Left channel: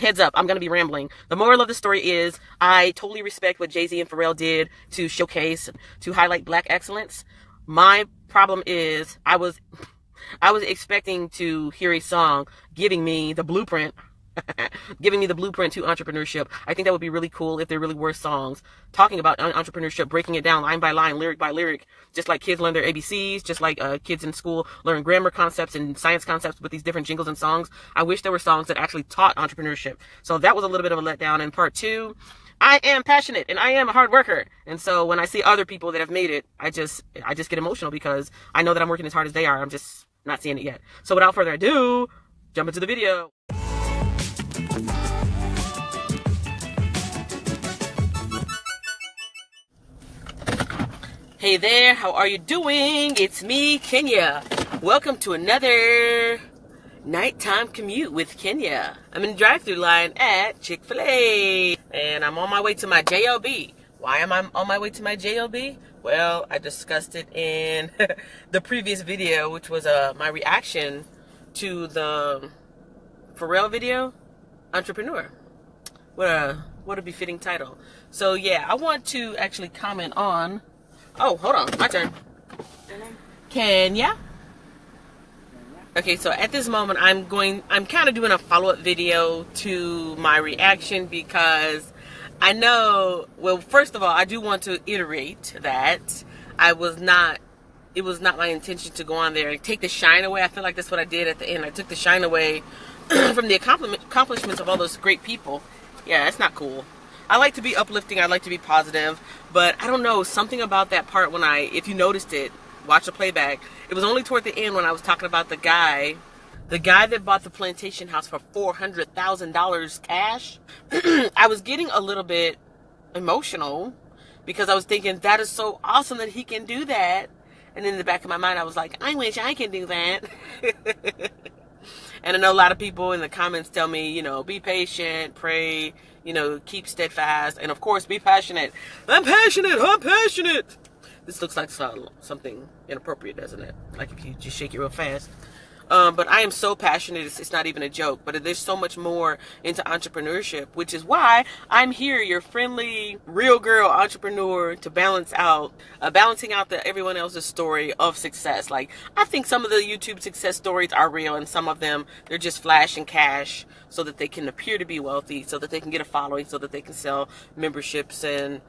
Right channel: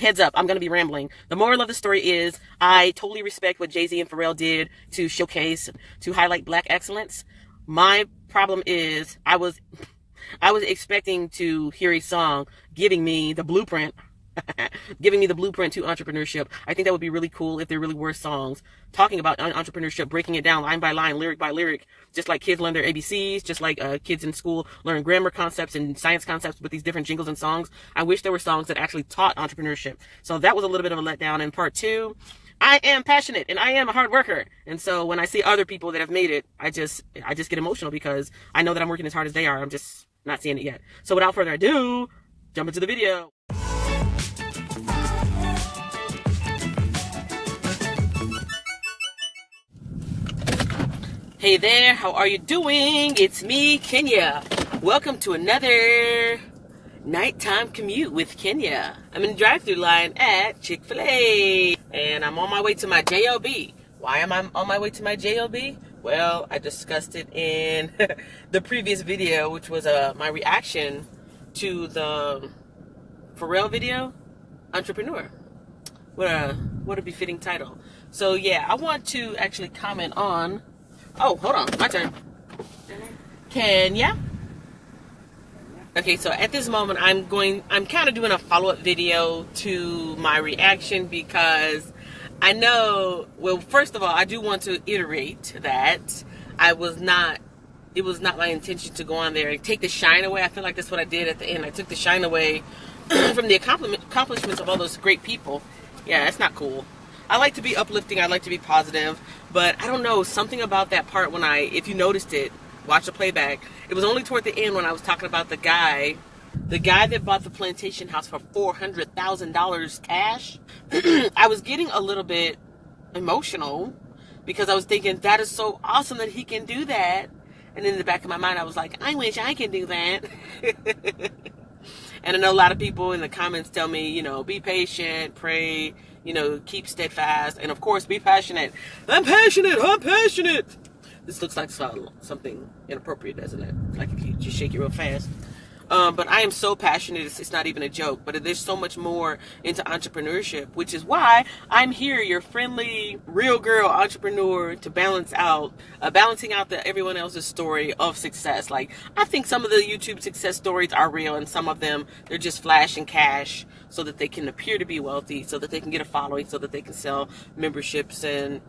heads up, I'm going to be rambling. The moral of the story is I totally respect what Jay-Z and Pharrell did to showcase, to highlight black excellence. My problem is I was expecting to hear a song giving me the blueprint giving me the blueprint to entrepreneurship. I think that would be really cool if there really were songs talking about entrepreneurship, breaking it down line by line, lyric by lyric, just like kids learn their ABCs, just like kids in school learn grammar concepts and science concepts with these different jingles and songs. I wish there were songs that actually taught entrepreneurship. So that was a little bit of a letdown. And part two, I am passionate and I am a hard worker. And so when I see other people that have made it, I just get emotional because I know that I'm working as hard as they are. I'm just not seeing it yet. So without further ado, jump into the video. Hey there, how are you doing? It's me, Kenya. Welcome to another nighttime commute with Kenya. I'm in the drive-thru line at Chick-fil-A, and I'm on my way to my JOB. Why am I on my way to my JOB? Well, I discussed it in the previous video, which was my reaction to the Pharrell video, Entrepreneur. What a befitting title. So yeah, I want to actually comment on. Oh, hold on, my turn. Kenya. Okay, so at this moment, I'm kind of doing a follow-up video to my reaction because I know, well, first of all, I do want to iterate that it was not my intention to go on there and take the shine away. I feel like that's what I did at the end. I took the shine away from the accomplishments of all those great people. Yeah, that's not cool. I like to be uplifting, I like to be positive, but I don't know, something about that part when if you noticed it, watch the playback, it was only toward the end when I was talking about the guy that bought the plantation house for $400,000 cash. I was getting a little bit emotional because I was thinking, that is so awesome that he can do that. And in the back of my mind, I was like, I wish I could do that. And I know a lot of people in the comments tell me, you know, be patient, pray, you know, keep steadfast, and of course, be passionate. I'm passionate, I'm passionate. This looks like something inappropriate, doesn't it? Like if you just shake it real fast. But I am so passionate, it's not even a joke. But there's so much more into entrepreneurship, which is why I'm here, your friendly, real girl entrepreneur, to balancing out everyone else's story of success. Like, I think some of the YouTube success stories are real, and some of them, they're just flash and cash so that they can appear to be wealthy, so that they can get a following, so that they can sell memberships and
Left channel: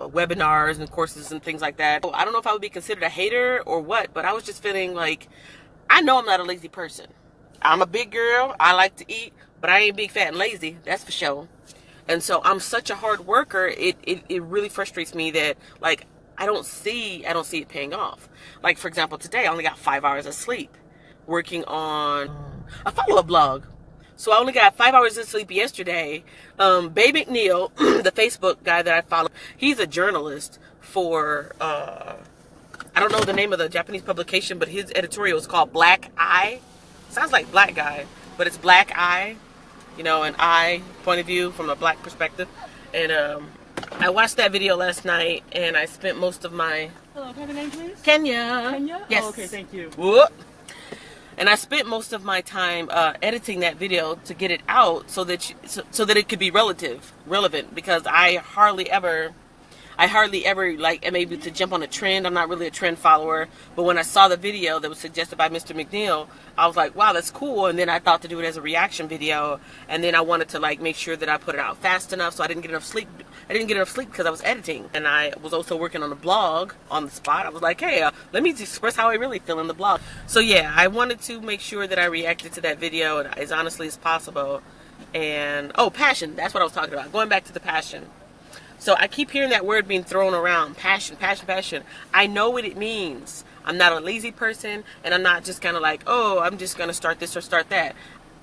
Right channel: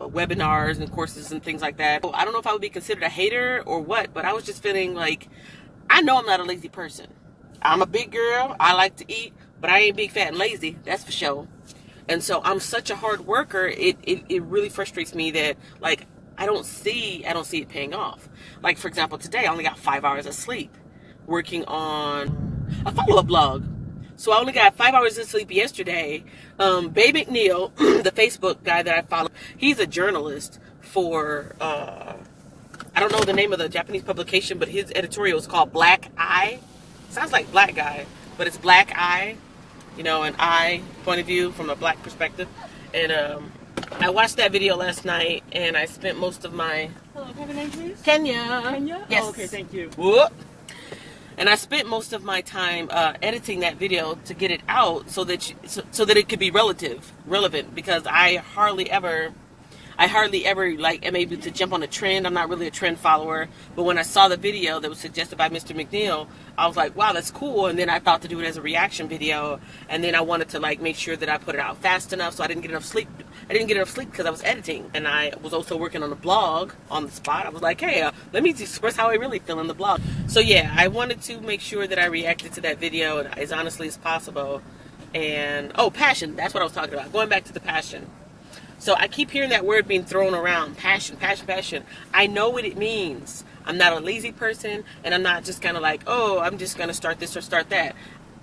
webinars and courses and things like that. I don't know if I would be considered a hater or what, but I was just feeling like, I know I'm not a lazy person. I'm a big girl. I like to eat, but I ain't big, fat, and lazy. That's for sure. And so I'm such a hard worker. It really frustrates me that, like, I don't see it paying off. Like, for example, today I only got 5 hours of sleep working on a follow-up blog. So I only got 5 hours of sleep yesterday. Babe McNeil, the Facebook guy that I follow, he's a journalist for I don't know the name of the Japanese publication, but his editorial is called Black Eye. Sounds like black guy, but it's Black Eye. You know, an eye point of view from a black perspective. And I watched that video last night, and I spent most of my... Hello, have a name, please? Kenya. Kenya? Yes. Oh, okay, thank you. Whoop. And I spent most of my time editing that video to get it out so that it could be relevant, because I hardly ever like am able to jump on a trend. I'm not really a trend follower, but when I saw the video that was suggested by Mr. McNeil, I was like, wow, that's cool. And then I thought to do it as a reaction video, and then I wanted to like make sure that I put it out fast enough, so I didn't get enough sleep. I didn't get enough sleep because I was editing, and I was also working on a blog on the spot. I was like, hey, let me express how I really feel in the blog. So yeah, I wanted to make sure that I reacted to that video as honestly as possible. And oh, passion, that's what I was talking about. Going back to the passion. So I keep hearing that word being thrown around, passion, passion, passion. I know what it means. I'm not a lazy person, and I'm not just kind of like, oh, I'm just going to start this or start that.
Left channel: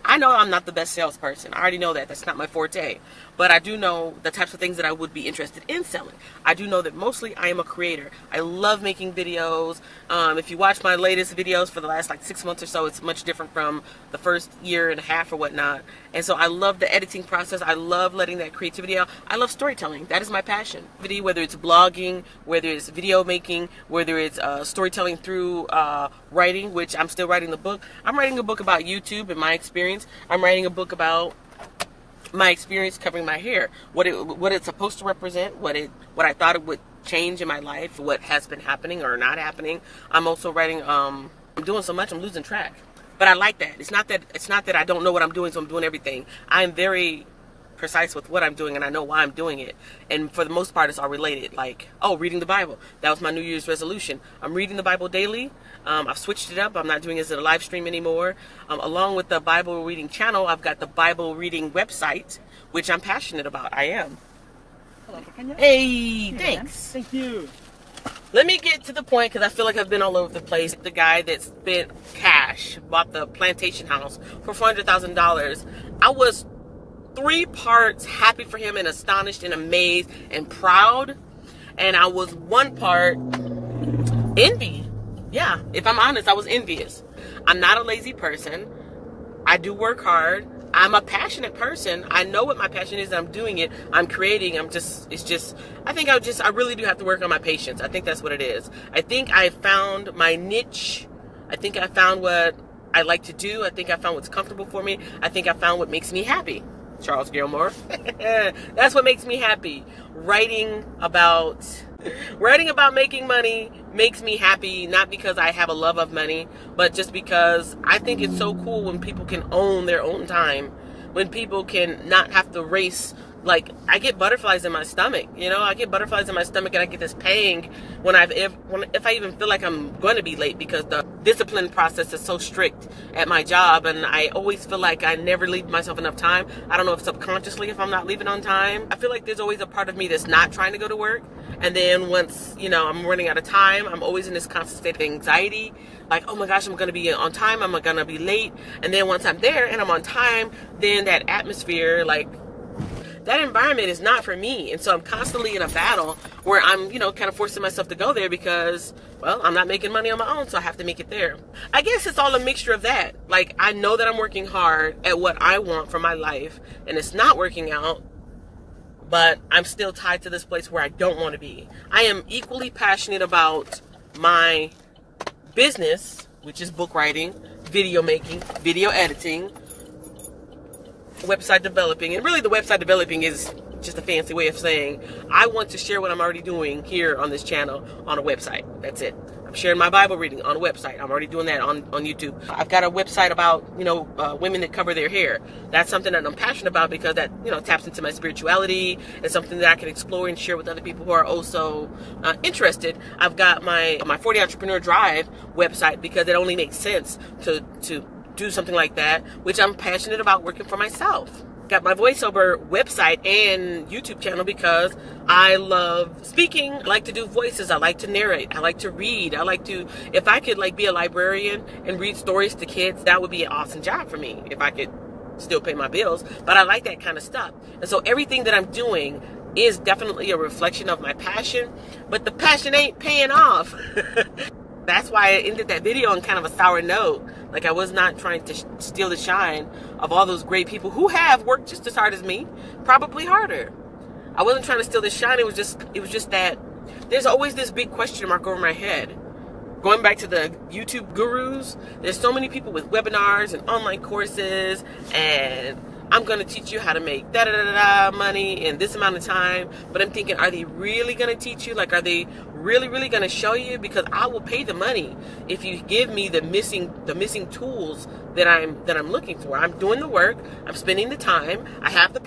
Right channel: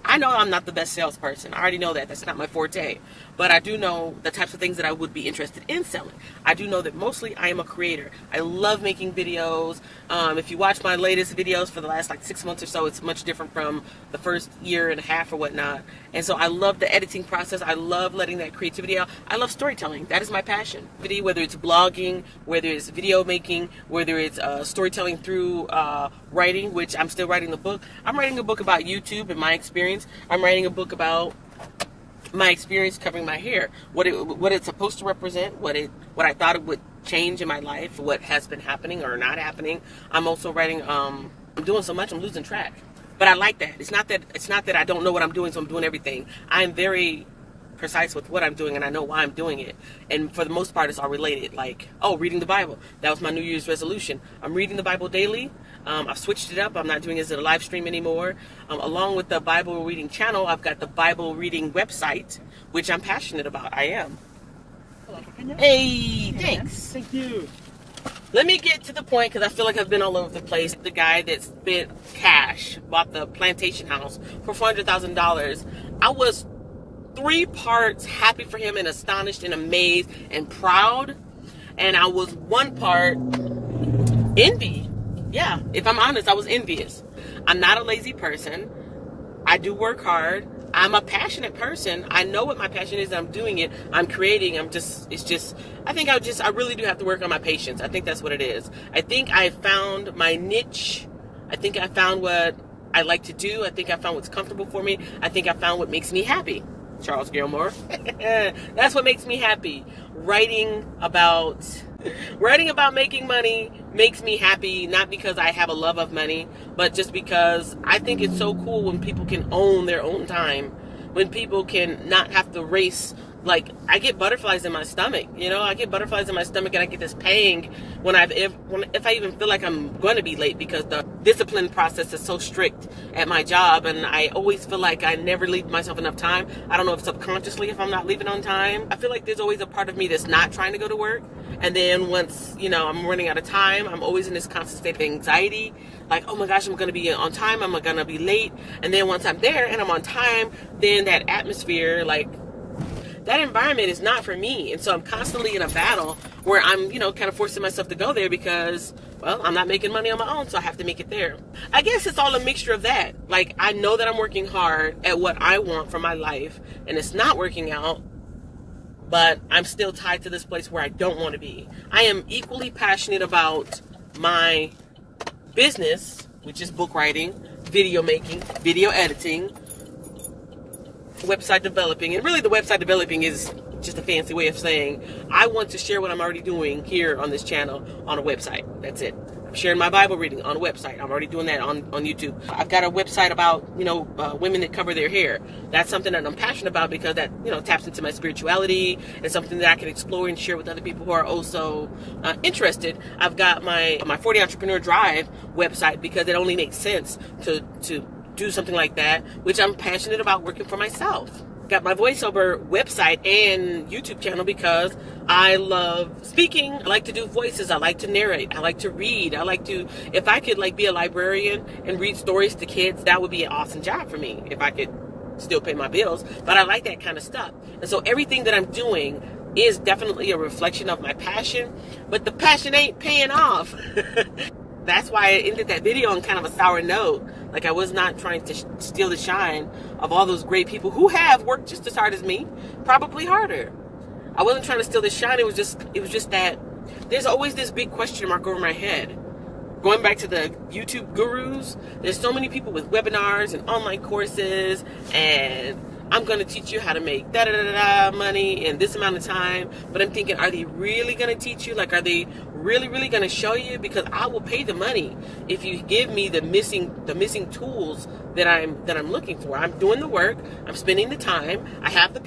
I know I'm not the best salesperson. I already know that. That's not my forte. But I do know the types of things that I would be interested in selling. I do know that mostly I am a creator. I love making videos. If you watch my latest videos for the last like 6 months or so, it's much different from the first year and a half or whatnot. And so I love the editing process. I love letting that creativity out. I love storytelling. That is my passion. Whether it's blogging, whether it's video making, whether it's storytelling through writing, which I'm still writing the book. I'm writing a book about YouTube and my experience. I'm writing a book about my experience covering my hair, what it's supposed to represent, what I thought it would change in my life, what has been happening or not happening. I'm also writing. I'm doing so much, I'm losing track. But I like that. It's not that I don't know what I'm doing, so I'm doing everything. I'm very precise with what I'm doing, and I know why I'm doing it. And for the most part, it's all related. Like, oh, reading the Bible. That was my New Year's resolution. I'm reading the Bible daily. I've switched it up. I'm not doing it as a live stream anymore. Along with the Bible reading channel, I've got the Bible reading website, which I'm passionate about. I am. Hey, thanks. Thank you. Let me get to the point, because I feel like I've been all over the place. The guy that spent cash, bought the plantation house for $400,000. I was 3 parts happy for him and astonished and amazed and proud. And I was 1 part envy. Yeah, if I'm honest, I was envious. I'm not a lazy person. I do work hard. I'm a passionate person. I know what my passion is. I'm doing it. I'm creating. I really do have to work on my patience. I think that's what it is. I think I found my niche. I think I found what I like to do. I think I found what's comfortable for me. I think I found what makes me happy. Charles Gilmore. That's what makes me happy. Writing about making money makes me happy, not because I have a love of money, but just because I think it's so cool when people can own their own time, when people can not have to race. Like, I get butterflies in my stomach, you know, I get butterflies in my stomach, and I get this pang if I even feel like I'm going to be late, because the discipline process is so strict at my job, and I always feel like I never leave myself enough time. I don't know if subconsciously if I'm not leaving on time. I feel like there's always a part of me that's not trying to go to work, and then once, you know, I'm running out of time, I'm always in this constant state of anxiety, like, oh my gosh, I'm going to be on time, I'm going to be late, and then once I'm there and I'm on time, then that atmosphere, like, that environment is not for me. And so I'm constantly in a battle where I'm, you know, kind of forcing myself to go there because, well, I'm not making money on my own, so I have to make it there. I guess it's all a mixture of that. Like, I know that I'm working hard at what I want for my life, and it's not working out, but I'm still tied to this place where I don't want to be. I am equally passionate about my business, which is book writing, video making, video editing, website developing. And really the website developing is just a fancy way of saying I want to share what I'm already doing here on this channel on a website. That's it. I'm sharing my Bible reading on a website. I'm already doing that on YouTube. I've got a website about, you know, women that cover their hair. That's something that I'm passionate about because that, you know, taps into my spirituality and something that I can explore and share with other people who are also interested. I've got my 40 Entrepreneur Drive website because it only makes sense to do something like that, which I'm passionate about working for myself. Got my voiceover website and YouTube channel because I love speaking. I like to do voices. I like to narrate. I like to read. I like to, if I could like be a librarian and read stories to kids, that would be an awesome job for me if I could still pay my bills. But I like that kind of stuff. And so everything that I'm doing is definitely a reflection of my passion, but the passion ain't paying off. That's why I ended that video on kind of a sour note. Like, I was not trying to steal the shine of all those great people who have worked just as hard as me, probably harder. I wasn't trying to steal the shine. It was just that there's always this big question mark over my head. Going back to the YouTube gurus, there's so many people with webinars and online courses, and I'm going to teach you how to make da-da-da-da money in this amount of time. But I'm thinking, are they really going to teach you? Like, are they really going to show you? Because I will pay the money if you give me the missing tools that I'm looking for. I'm doing the work. I'm spending the time. I have the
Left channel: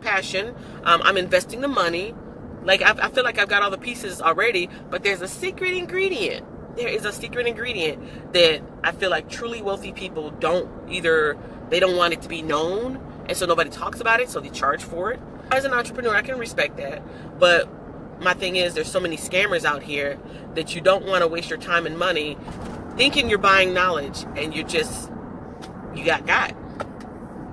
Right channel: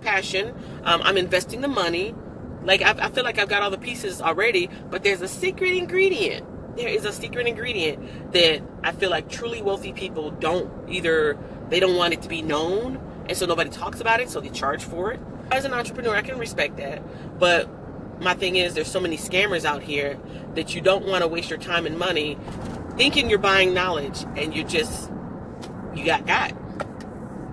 passion. I'm investing the money. Like, I feel like I've got all the pieces already, but there's a secret ingredient. There is a secret ingredient that I feel like truly wealthy people they don't want it to be known, and so nobody talks about it, so they charge for it. As an entrepreneur, I can respect that, but my thing is there's so many scammers out here that you don't want to waste your time and money thinking you're buying knowledge, and you got.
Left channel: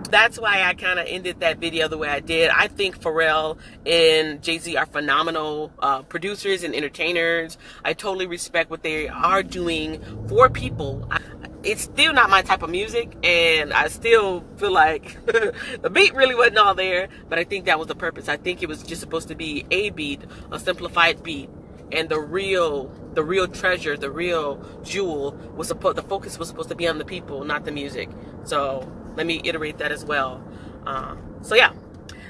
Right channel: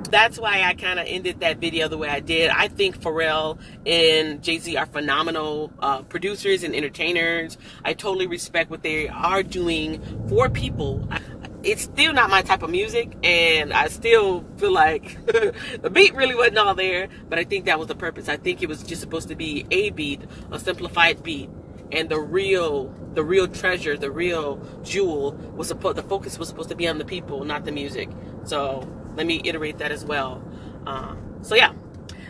That's why I kind of ended that video the way I did. I think Pharrell and Jay-Z are phenomenal producers and entertainers. I totally respect what they are doing for people. It's still not my type of music, and I still feel like the beat really wasn't all there, but I think that was the purpose. I think it was just supposed to be a beat, a simplified beat, and the real treasure, the real jewel the focus was supposed to be on the people, not the music. So let me iterate that as well. So yeah,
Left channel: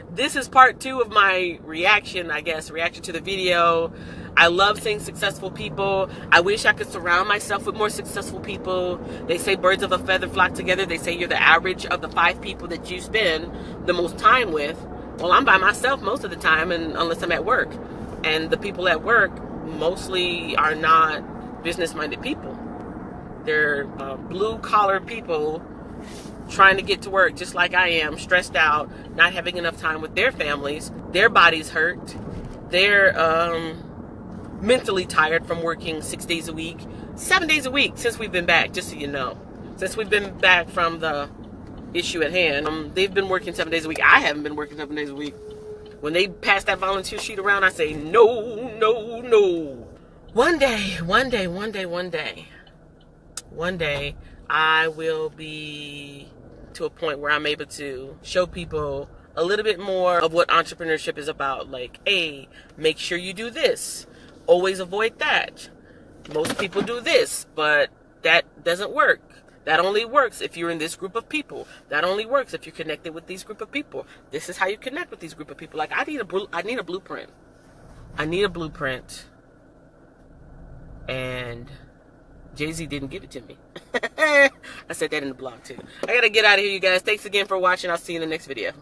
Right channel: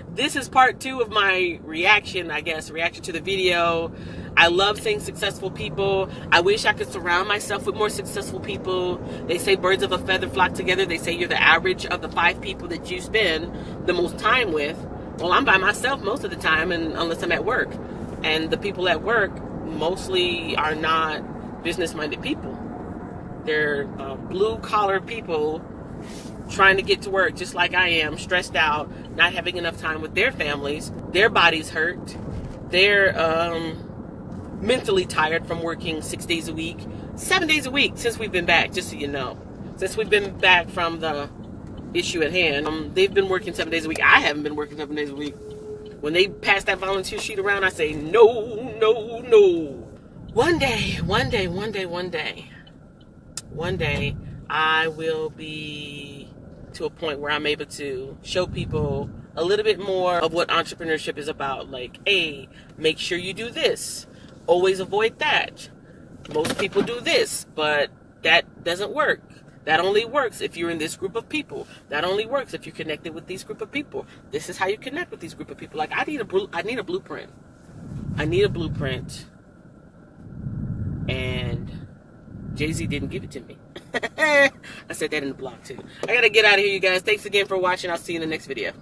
this is part 2 of my reaction to the video. I love seeing successful people. I wish I could surround myself with more successful people. They say birds of a feather flock together. They say you're the average of the 5 people that you spend the most time with. Well, I'm by myself most of the time, and unless I'm at work. And the people at work mostly are not business-minded people. They're blue-collar people trying to get to work just like I am, stressed out, not having enough time with their families. Their bodies hurt. They're mentally tired from working 6 days a week, 7 days a week since we've been back, just so you know. Since we've been back from the issue at hand, they've been working 7 days a week. I haven't been working 7 days a week. When they pass that volunteer sheet around, I say, no, no, no. One day, I will be to a point where I'm able to show people a little bit more of what entrepreneurship is about. Like, hey, make sure you do this. Always avoid that. Most people do this, but that doesn't work. That only works if you're in this group of people. That only works if you're connected with these group of people. This is how you connect with these group of people. Like, I need a blueprint. I need a blueprint. And Jay-Z didn't give it to me. I said that in the blog too. I gotta get out of here, you guys. Thanks again for watching. I'll see you in the next video.